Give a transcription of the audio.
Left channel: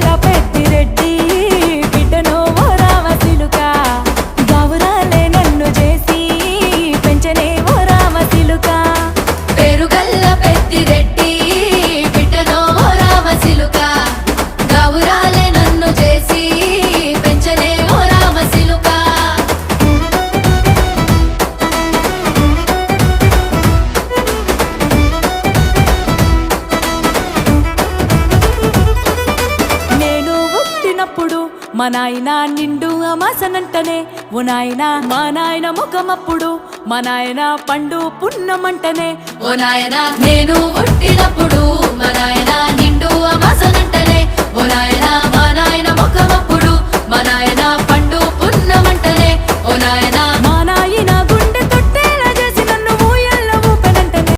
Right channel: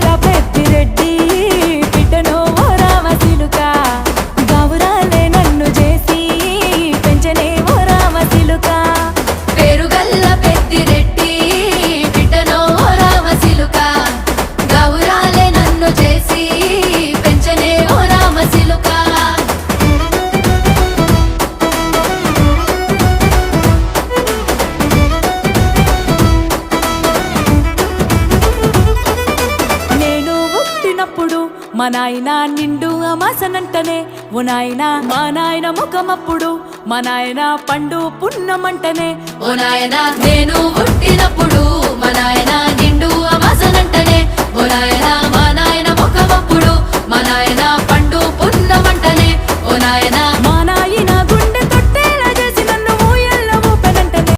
పేరుగల్ల పెద్దిరెడ్డి బిడ్డను ఓ రామసిలుక గౌరాలే నన్ను చేసి పెంచనే ఓ రామసిలుక పేరుగల్ల పెద్దిరెడ్డి బిడ్డను ఓ రామసిలుక గౌరాలే నన్ను చేసి పెంచనే ఓ రామసిలుక మా నాయన నిండు అమాసనంటనే ఓ నాయన మా నాయన ముఖమప్పుడు మా నాయన పండు పున్నమంటనే ఓ నాయన నేను పుట్టినప్పుడు మా నాయన నిండు అమాసనంటనే ఓ నాయన మా నాయన ముఖమప్పుడు మా నాయన పండు పున్నమంటనే ఓ నాయన